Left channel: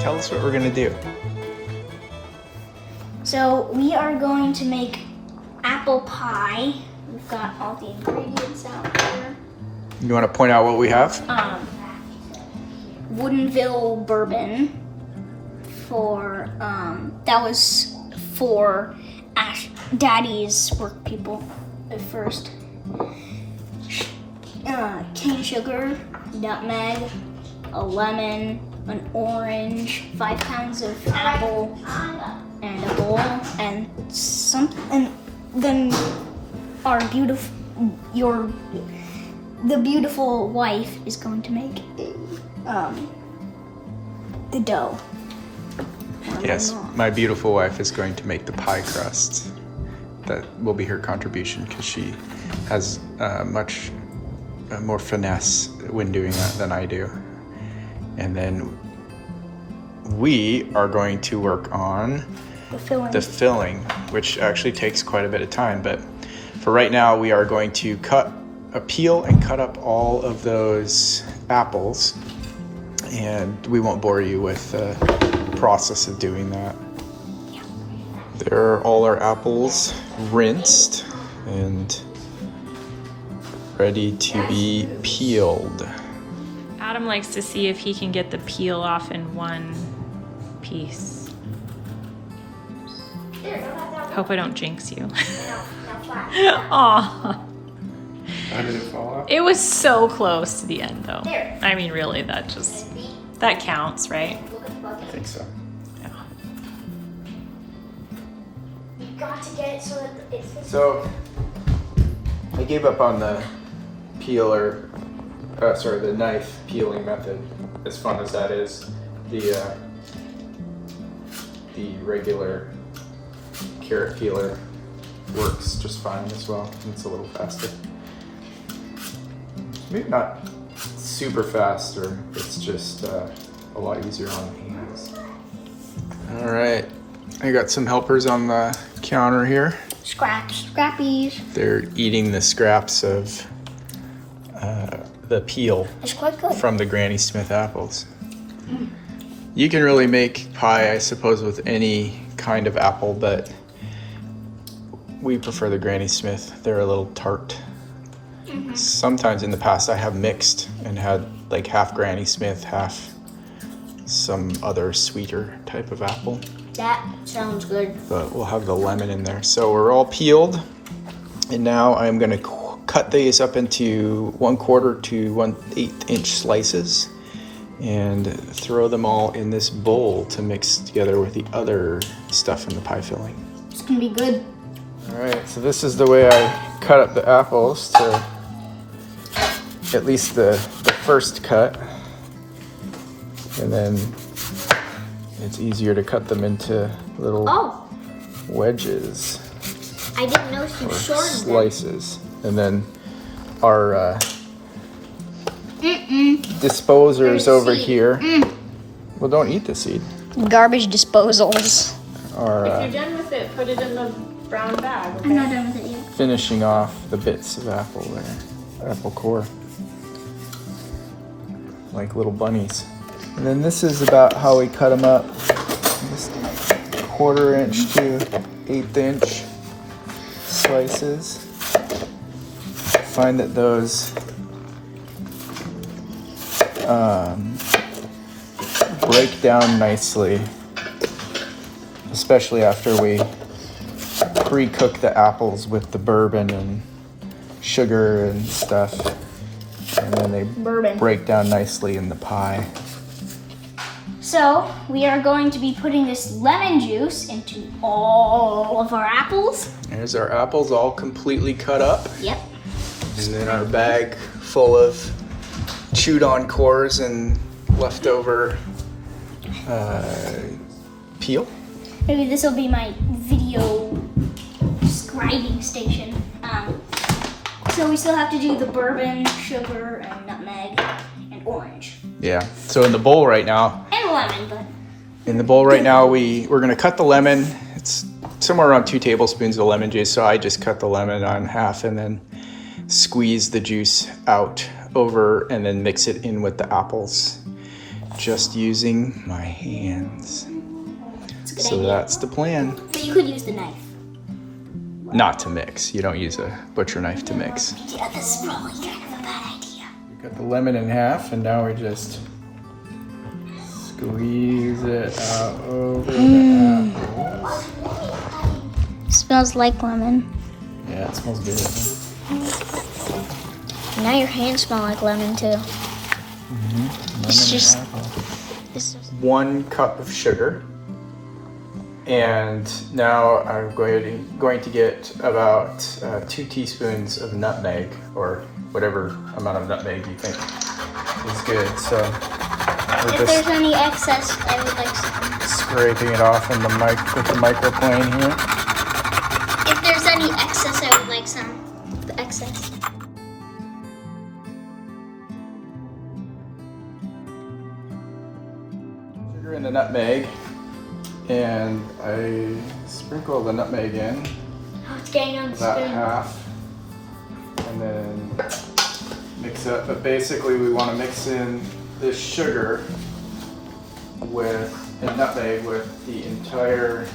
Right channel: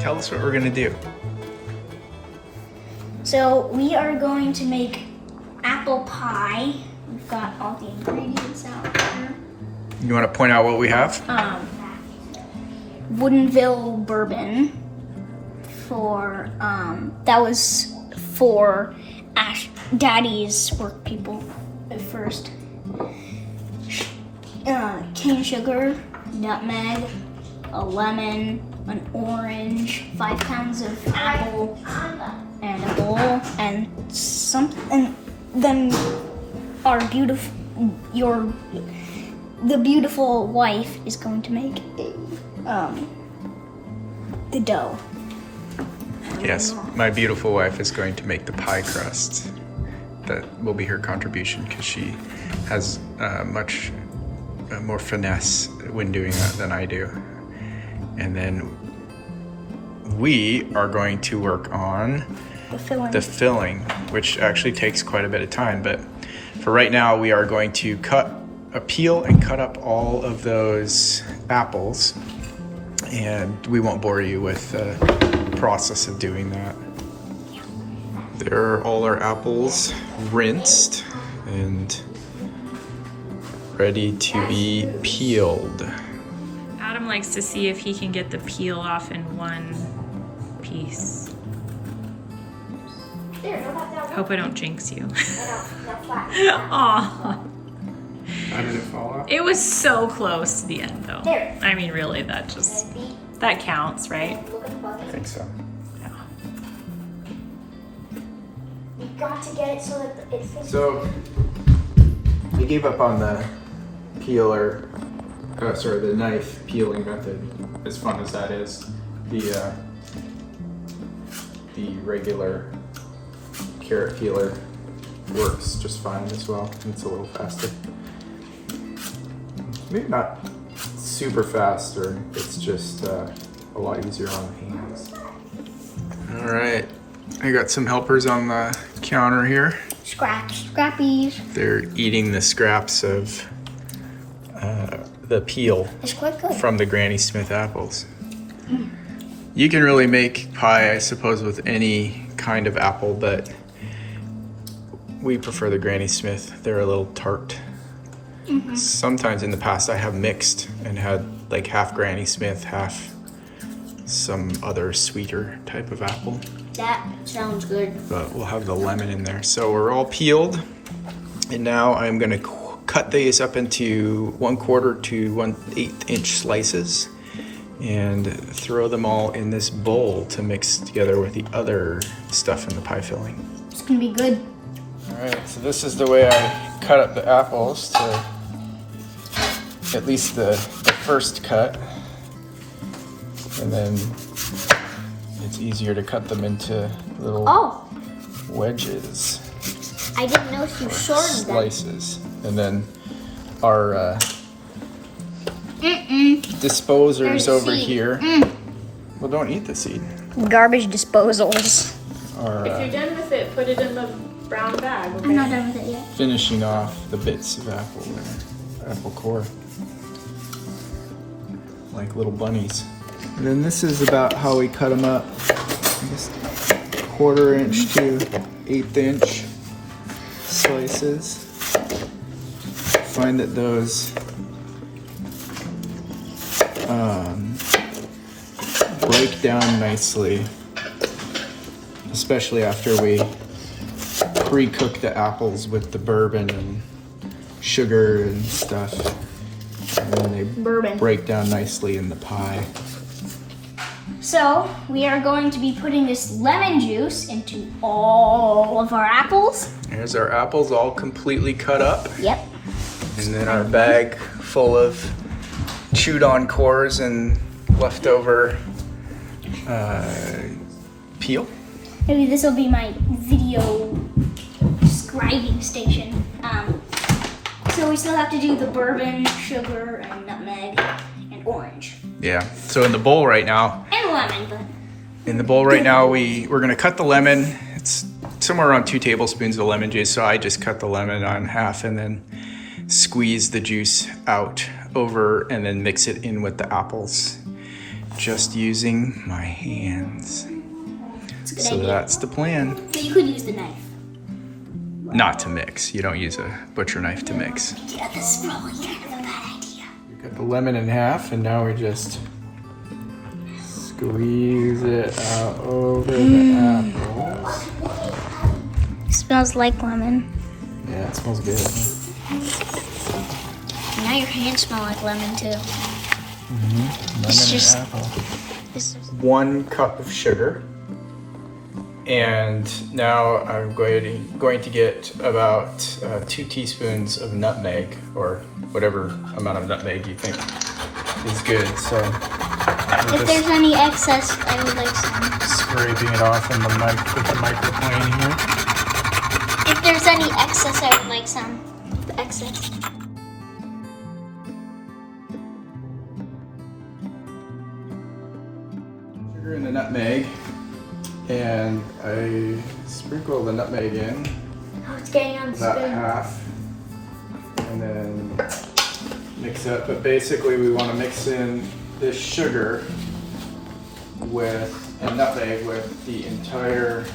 Tell us what we're gonna do. So we are going to make apple pie. We've got all the ingredients out there. You want to point out what we have? Woodinville bourbon for that was for Daddy's work people at first. Cane sugar, nutmeg, a lemon, an orange, 5 pounds of apple, and a bowl, and then the beautiful wife is going to make the dough. Yes, my beautiful wife is going to make the pie crust. That will be her contribution because she has much more finesse when doing that than I do. And then we are going to work on the filling, which actually takes quite a bit of time. But for right now, we are going to peel and cut up all of those apples. And we won't bore you with the process of doing that. There are all our apples rinsed and ready to be peeled. Adam likes to see if he can get the peel off in one piece. Hope I don't jinx you. Aw. How did it fall out? It was so close to the end though. I mean, really, that counts, right? I think so. Yeah. You got to get it so that it's So I gave up on the the knife peeling method. As fun as that is, the regular carrot peeler works just fine as well. It's a little faster. Maybe not super fast, or it's just a lot easier on the hands. All right, I got some helpers on the counter here. scrappies. They're eating the scraps of the peel It's quite good. from the Granny Smith apples. You can really make pie, I suppose, with any kind of apple, but we prefer the Granny Smith. They're a little tart. Sometimes in the past I have mixed and had like half Granny Smith, half some other sweeter type of apple. That sounds good. But we'll have the lemon in there. So we're all peeled, and now I'm gonna cut these up into 1/4 to 1/8 inch slices and throw them all in this bowl to mix together with the other stuff in the pie filling. It's gonna be good. All right, so this is the way I cut up the apples to at least the first cut, and then it's easier to cut them into little wedges. I didn't know you shortened them. Slices. And then our disposers There's over seed. here. Well, don't eat the seed. Garbage disposals. Are If you're done with it, put it in the brown bag. I'm not done with it yet. finishing off the bits of apple there, apple core, like little bunnies. And then this is about how we cut them up. Just 1/4 inch to 1/8 inch slices. Find that those break down nicely, especially after we pre-cook the apples with the bourbon and sugar and stuff, and then they break down nicely in the pie. So we are going to be putting this lemon juice into all of our apples. Here's our apples all completely cut up. Yep. And then our bag full of chewed on cores and leftover peel. Maybe this will be my video scribing station. So we still have to do the bourbon, sugar, and nutmeg, and orange. Yeah, so in the bowl right now, And lemon, but we're gonna cut the lemon. It's somewhere around 2 tablespoons of lemon juice. So I just cut the lemon on half and then squeeze the juice out over and then mix it in with the apples, just using my hands. That's a good So idea. that's the plan. But you could use the knife. Not to mix. You don't use a butcher knife to mix. Yeah, this is probably kind of a bad idea. We cut the lemon in half and now we just squeeze it out over the apples. Smells like lemon. Yeah, it smells good. Now your hands smell like lemon too. Lemon just- and apple. This is 1 cup of sugar. And now I'm going to get about 2 teaspoons of nutmeg, or whatever amount of nutmeg you think is good. So we're if just there's any excess, I would like some. scraping it off in the with the microplane here. If there's any excess, I would like some. The excess. Sugar and the nutmeg, and I sprinkle the nutmeg in. Oh, it's getting on the About spoon. half, and then mix it up. But basically we want to mix in this sugar and nutmeg with the entire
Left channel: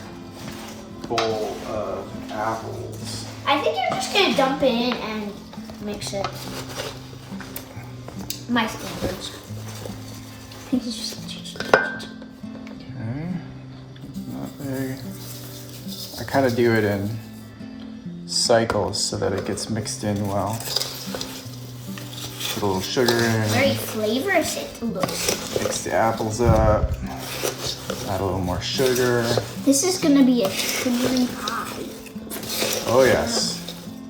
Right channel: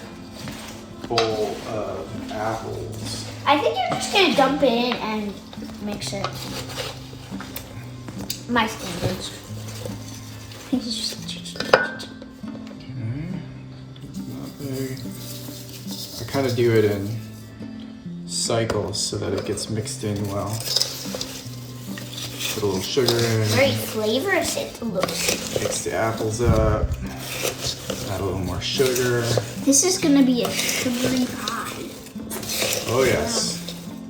bowl of apples. I think you're just gonna dump it in and mix it. My standards. Nutmeg. I kind of do it in cycles so that it gets mixed in well. Put a little sugar in. Very flavorous it looks. Mix the apples up. Add a little more sugar. This is gonna be a sugary pie. Oh yes,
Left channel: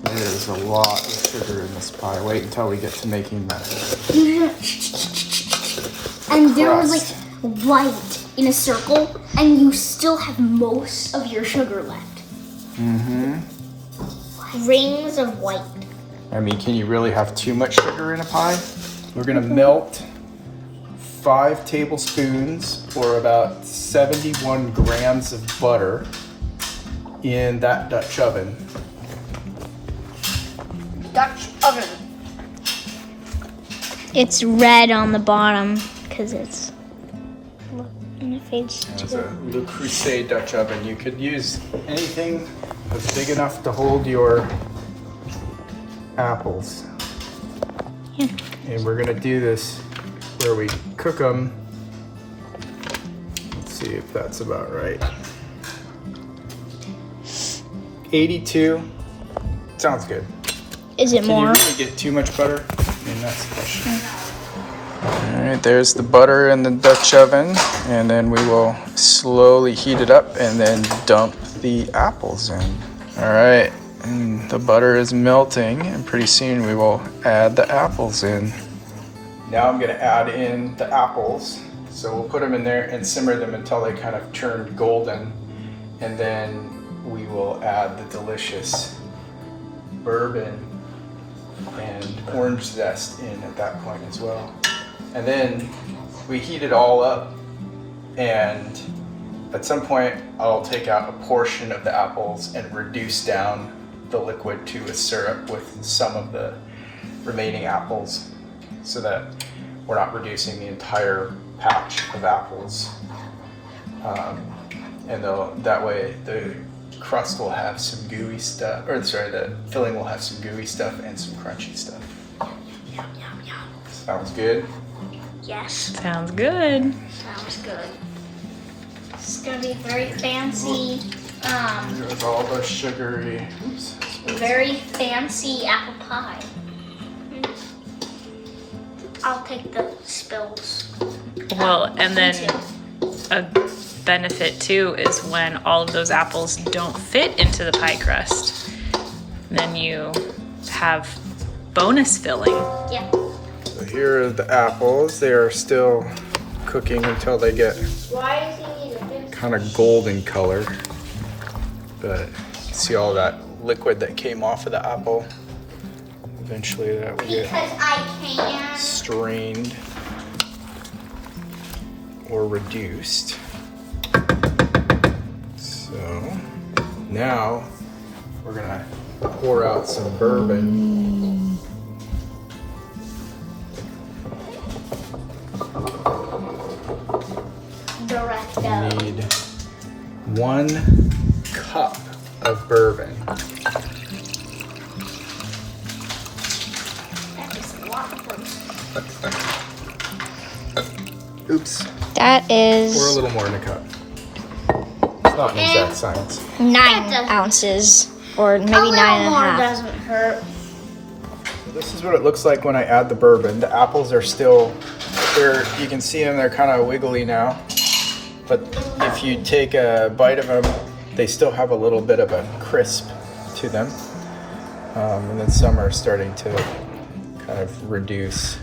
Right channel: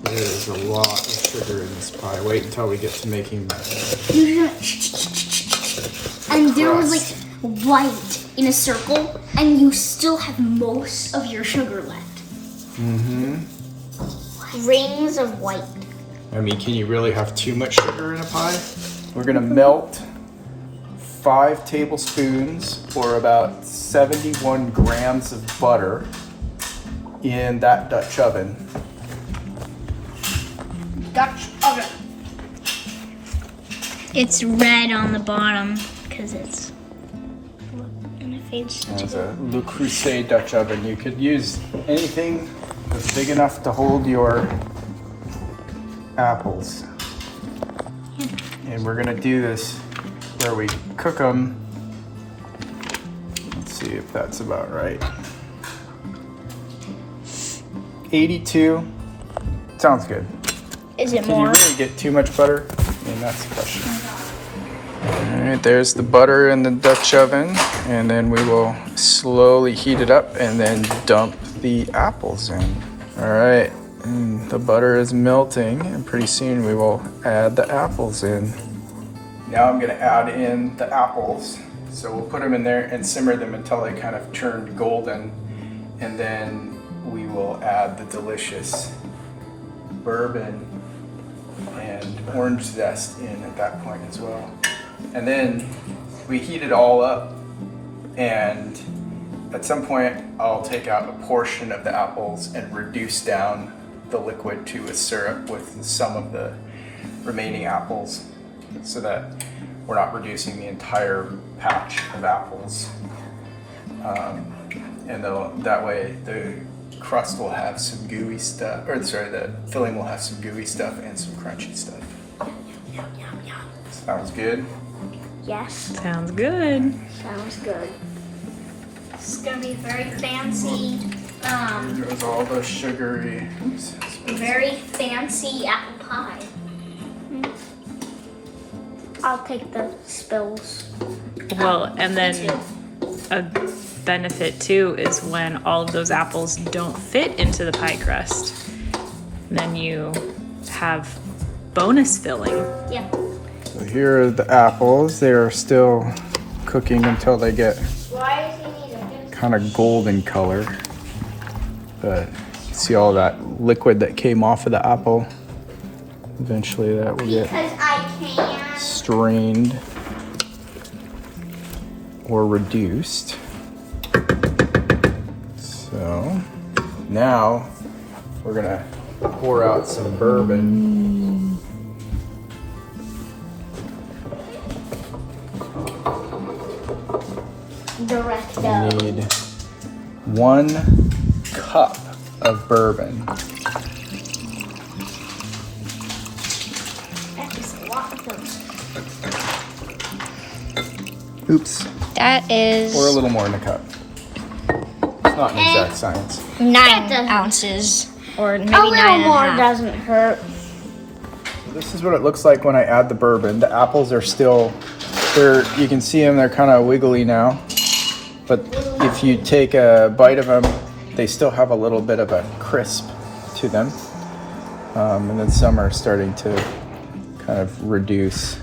there's a lot of sugar in this pie. Wait until we get to making that. And there was like white in a circle, and you still have most of your sugar left. Mm-hmm. Rings of white. I mean, can you really have too much sugar in a pie? We're gonna melt 5 tablespoons or about 71 grams of butter in that Dutch oven. Dutch oven. It's red on the bottom because it's. Look, and it fades As to a Le Creuset Dutch oven, you could use anything that's big enough to hold your apples. Yeah. And we're gonna do this where we cook them. Let's see if that's about right. 82. Sounds good. Is it Can you more? really get too much butter? I mean, that's the question. All right, there's the butter in the Dutch oven, and then we will slowly heat it up and then dump the apples in. All right, and the butter is melting, and pretty soon we will add the apples in. Now I'm gonna add in the apples. So we'll put them in there and simmer them until they kind of turn golden, and then we will add the delicious bourbon and orange zest in at that point as well. And then we heat it all up, and at some point I'll take out a portion of the apples and reduce down the liquid to a syrup with some of the remaining apples so that we're not reducing the entire patch of apples. And that way the crust will have some gooey stuff, or sorry, the filling will have some gooey stuff and some crunchy stuff. Yum, yum, yum. Sounds good? Yes. Sounds good. Sounds good. It's gonna be very fancy, There's all the sugary. very fancy apple pie. I'll take the spills. Well, and then a benefit too is when all of those apples don't fit into the pie crust, then you have bonus filling. Yeah. So here are the apples. They are still cooking until they get Why is he needed? kind of golden color. But you can see all that liquid that came off of the apple. Eventually that will get Because I can. strained or reduced. So Now we're gonna pour out some bourbon. Direct We go. need 1 cup of bourbon. That is a lot of those. Oops. That is Or a little more in a cup. It's not an exact science. 9 ounces, or maybe A little 9.5. more doesn't hurt. This is what it looks like when I add the bourbon. The apples are still, you can see them, they're kind of wiggly now. But if you take a bite of them, they still have a little bit of a crisp to them. And then some are starting to kind of reduce.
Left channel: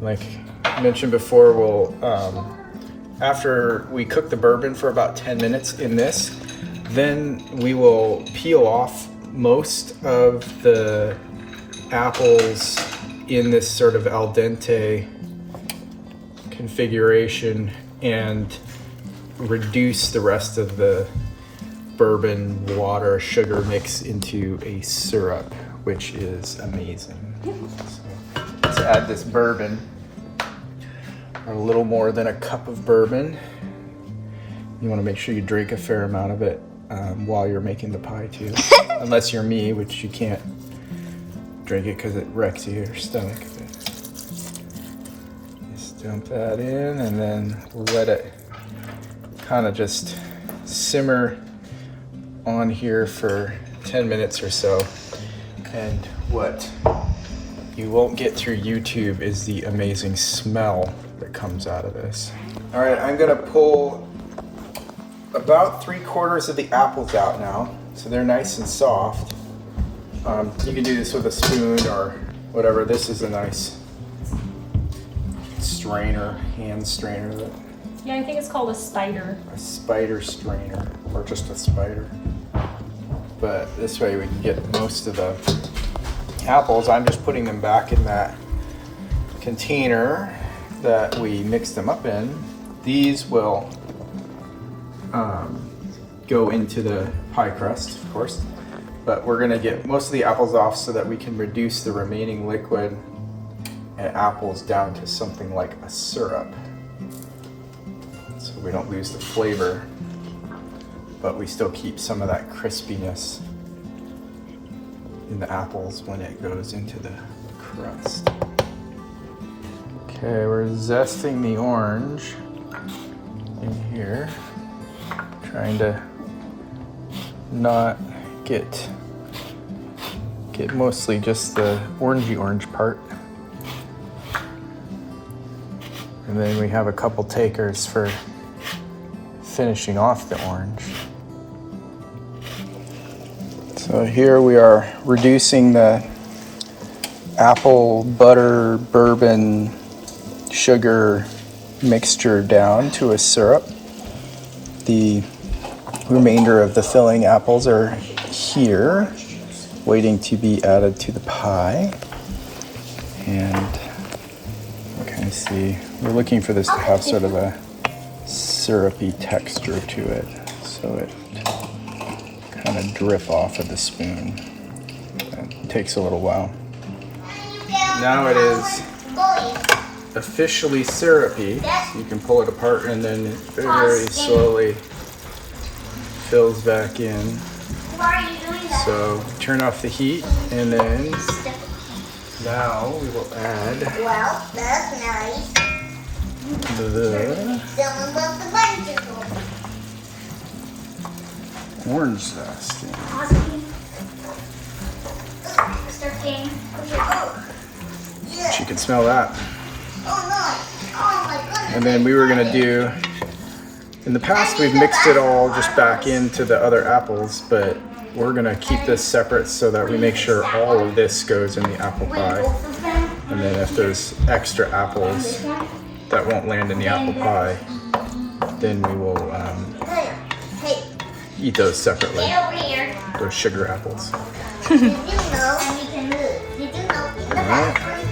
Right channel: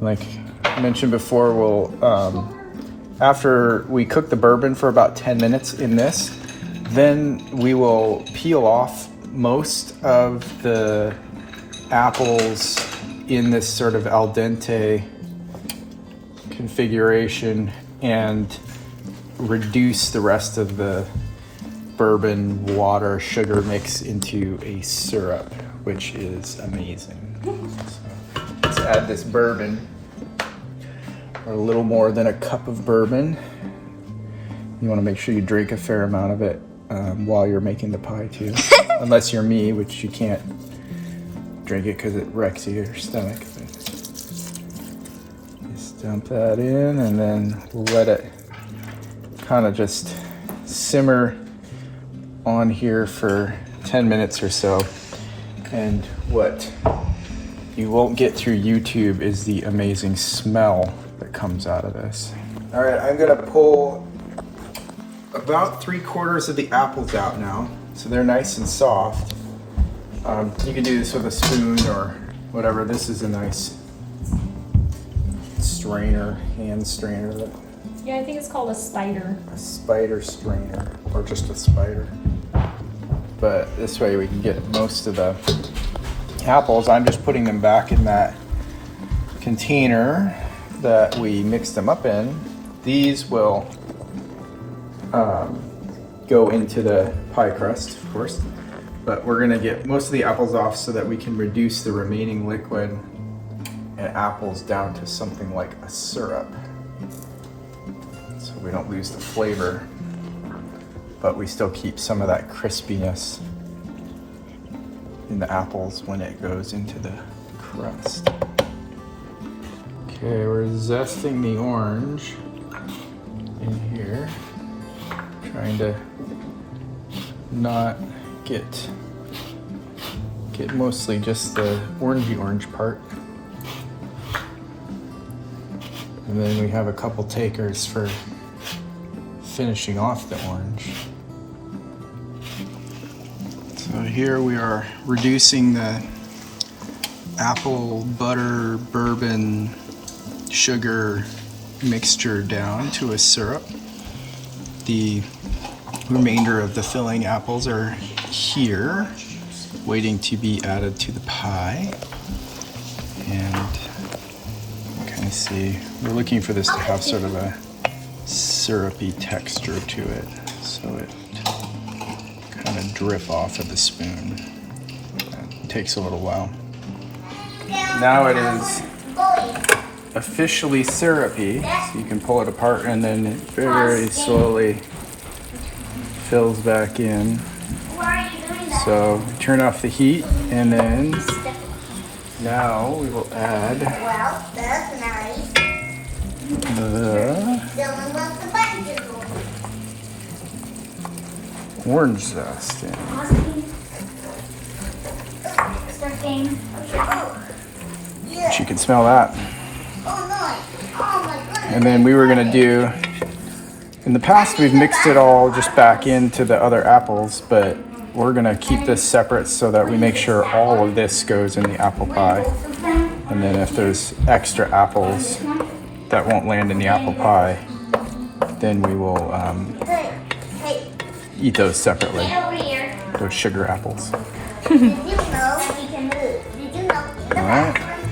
Like I mentioned before, we'll, after we cook the bourbon for about 10 minutes in this, then we will peel off most of the apples in this sort of al dente configuration and reduce the rest of the bourbon, water, sugar mix into a syrup, which is amazing. So let's add this bourbon, a little more than a cup of bourbon. You want to make sure you drink a fair amount of it while you're making the pie too. Unless you're me, which you can't drink it because it wrecks your stomach. Just dump that in and then let it kind of just simmer on here for 10 minutes or so. And what you won't get through YouTube is the amazing smell that comes out of this. All right, I'm gonna pull about 3/4 of the apples out now, so they're nice and soft. You can do this with a spoon or whatever. This is a nice strainer, hand strainer, Yeah, I think it's called a spider. a spider strainer, or just a spider. But this way we can get most of the apples. I'm just putting them back in that container that we mixed them up in. These will go into the pie crust, of course. But we're gonna get most of the apples off so that we can reduce the remaining liquid and apples down to something like a syrup. So we don't lose the flavor, but we still keep some of that crispiness in the apples when it goes into the crust. Okay, we're zesting the orange in here, trying to not get mostly just the orangey orange part. And then we have a couple takers for finishing off the orange. So here we are reducing the apple, butter, bourbon, sugar mixture down to a syrup. The remainder of the filling apples are here, waiting to be added to the pie. And you kind of see, we're looking for this to have sort of a syrupy texture to it, so it kind of drip off of the spoon. It takes a little while. Now it is officially syrupy. So you can pull it apart and then it very slowly fills back in. Why are you doing that? So turn off the heat and then now we will add Well, that's nice. the Someone left the button. orange zest in. Starting. But you can smell that. Oh no! Oh my goodness! And then we were gonna do, in the past we've mixed it all just back into the other apples, but we're gonna keep this separate so that we make sure all of this goes in the apple pie. And then if there's extra apples that won't land in the apple pie, then we will Hey, eat those separately, get over here. those sugar apples. You know, and we can move. You do know. All right.